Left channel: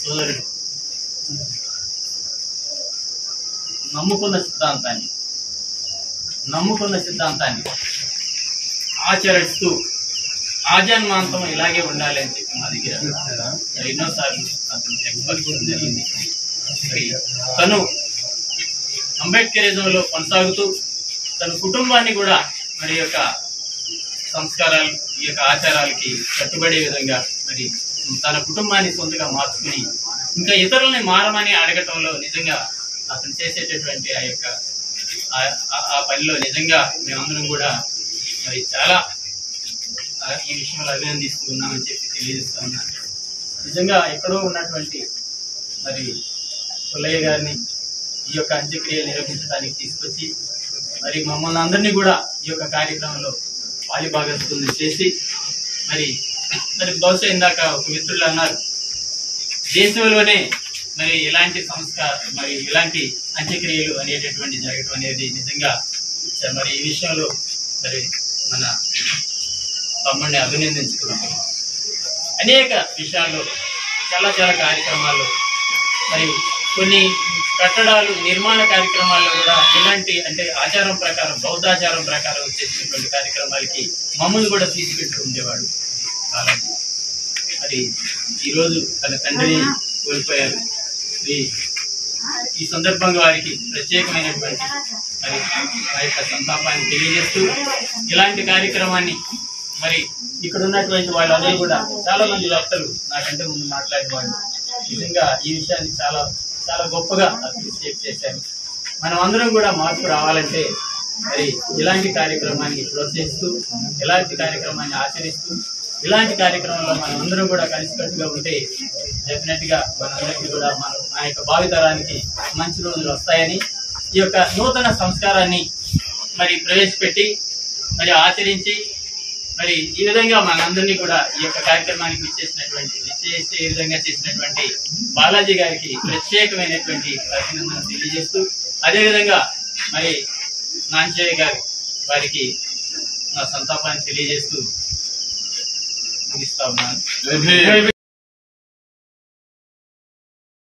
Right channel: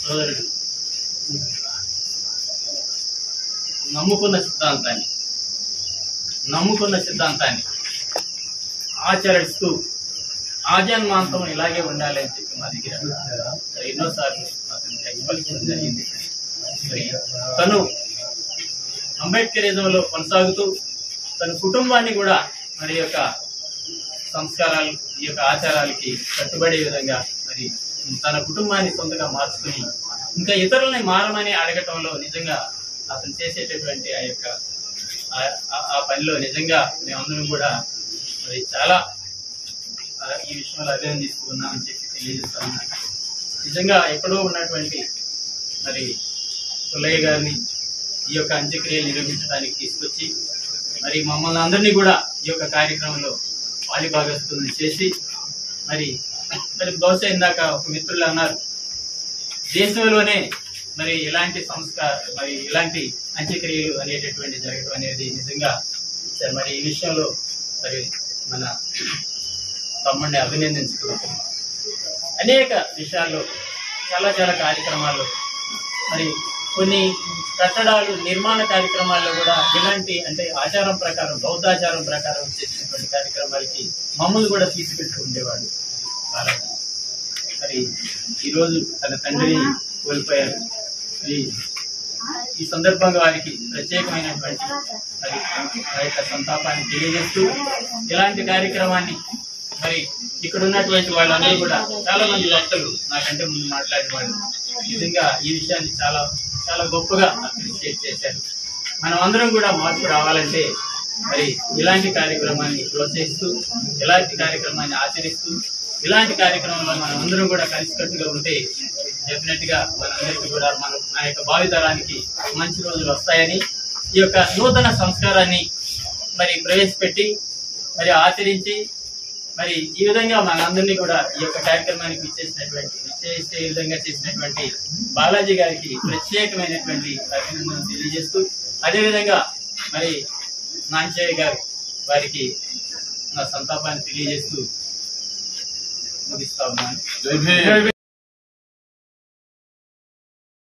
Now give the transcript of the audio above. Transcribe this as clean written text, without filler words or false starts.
సోదరుడు నమ్ముకున్న సిద్ధాంతాన్ని ఆచరిస్తూ ఆజన్మాంతం ఇలాగే ఉండాలి అని చెప్పి మా దగ్గర ఎన్నోసార్లు అతను ఎక్స్పర్ట్ జరిగింది. తను అంబేద్కరిజంలో కొనసాగుతూ తన కుటుంబాన్ని కూడా మరి యొక్క సంస్కారాలు ఈ యొక్క ఆచారాలకి కట్టుబడే విధంగా మరి తన కుటుంబాన్ని సొంతగా మార్చుకుని ఇంకా ఇతరులని మారమని అడగటంలో నిజంగా అతను చేసేటటువంటి ఆ పనిలో నిజంగా మేమందరం కూడా మరి చాలా ఈ విషయంలో అభినందిస్తూ ఉన్నామని చెప్పి తెలియజేస్తా ఉన్నాను. నిజంగా ఎక్కడో ఉన్నటువంటి మరి పుల్లయ్య గారిని ఈ యొక్క అంత్యక్రియలు నిర్వహించడానికి తీసుకొచ్చి మరి మమ్మల్ని అందరినీ కూడా ఈ యొక్క కార్యక్రమంలో పాలిభాగస్తులను చేసి మరి బహుశా ఇందాక ఒక మిత్రులు అన్నారు, దేశంలోనే మరి ఇలాంటి మరి ఇలాంటి అంత్యక్రియలు అనేటటువంటి జరగడం అనేది నిజంగా మరి ఈ విషయంలో మరి మన తమ్ముడిని అభినందించుకున్నాం. అనేక విషయాల్లో చాలా కార్యక్రమాల్లో మరి కొన్ని కట్టడాలు నిర్మాణ కార్యక్రమాల్లో కూడా ఇలాంటి అంటే ఆచారం ప్రకారం బౌద్ధాచారం ప్రకారం చేసినటువంటి కార్యక్రమాలకి మమ్మల్ని కూడా తీసుకెళ్తూ ఉండేవాడు. మరి ఈరోజు తన తండ్రిని కోల్పోయారు. ఈ సందర్భంగా వారికి ప్రత్యేకమైనటువంటి మరి ఆ యొక్క సంతాపాన్ని తెలియజేస్తూ ఇలాంటి కార్యక్రమాన్ని మరి ఇక్కడ ఉన్నటువంటి వాళ్ళందరూ కూడా చాలా మంది వక్తలు నాకంటే ముందు మాట్లాడిన వాళ్ళు నిజంగా ఈ విషయాన్ని చాలా గొప్పగా అప్రిషియేట్ చేశారు. మనం అందరం కూడా మార్పు రావాలంటే మరి ఇలాంటి కార్యక్రమాన్ని ప్రోత్సహిస్తూ ఇలాంటి కార్యక్రమాన్ని ఆచరిస్తూ ఇలాంటి కార్యక్రమంలో మనం అందరం కూడా కలిసికట్టుగా ఉంటే డెఫినెట్ గా మనందరికీ కూడా మన యొక్క భావితరానికి మంచి రోజులు వస్తాయని ఈ యొక్క నూతన సంస్కారాన్ని మరి ప్రవేశపెట్టి మరి ఆచరించి మరి ఈ విధంగా మనందరినీ కూడా ఈ యొక్క కార్యక్రమానికి విచ్చేసే విధంగా చేసినటువంటి బాలాజీ గారికి ప్రత్యేకమైనటువంటి అభినందనలు తెలియజేస్తూ అదేవిధంగా మరి నాంచయ్య గారు వారికి నా సంతాపాన్ని తెలియజేస్తూ ముగిస్తా ఉన్నాను.